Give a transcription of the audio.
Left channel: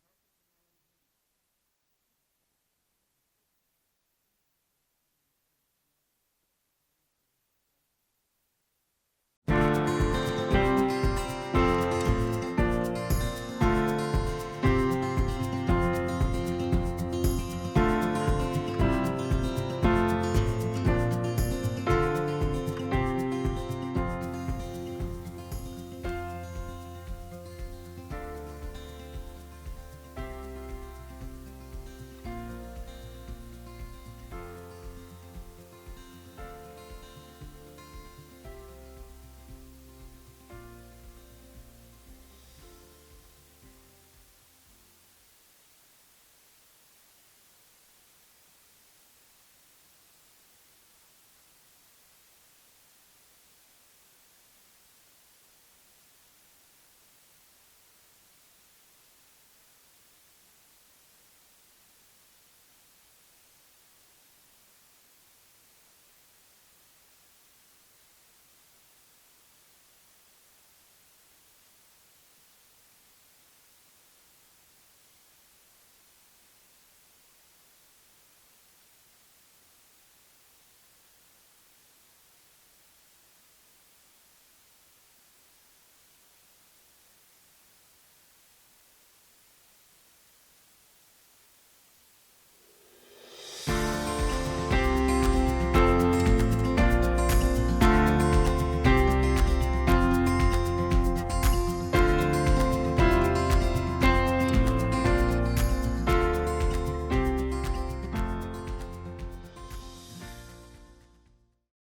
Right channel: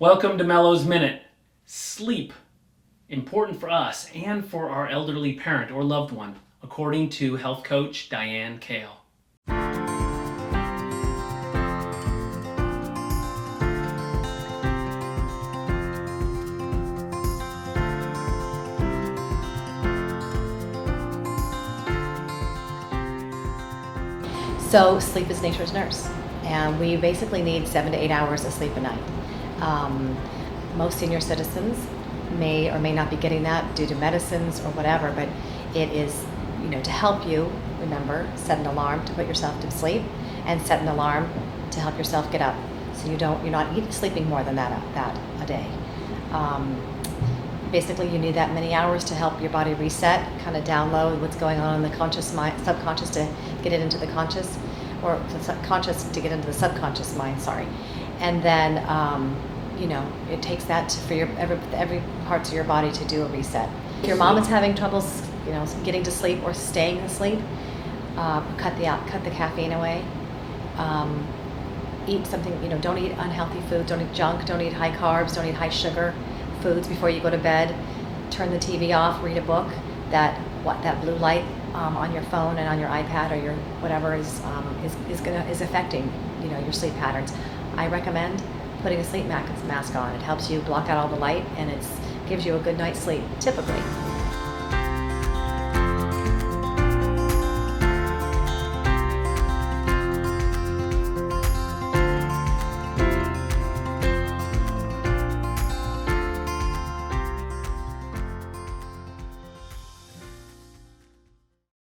Welcome to Mello's Minute. Sleep, important for us and for our elderly parent or loved one, according to health coach Diane Kale. So sleep is nature's nurse, and we basically need 7 to 8 hours of sleep a night. Most senior citizens may or may not be getting that due to medicines or whatever, but it is, to help you, remember, set an alarm to put yourself to sleep and set an alarm to help yourself get up. So you're not sleeping more than that a day. Basically, you need that many hours to help your body reset, kind of download what's going on in the conscious mind, subconscious to get it into the conscious, or the conscious to get into the subconscious mind. Sorry, and then it takes that for your every parts of your body to do a reset. If your mom is having troubles, getting to sleep or staying asleep, cut the caffeine away. Eat something. Don't eat unhealthy food. Don't eat junk. Don't eat high carbs. Don't eat high sugar foods before you go to bed. Turn the TV off. Read a book. That blue light on your phone and on your iPad or your whatever is affecting your sleep patterns. I recommend putting a sleep mask on. It helps you block out all the light and it gives you a good night's sleep typically.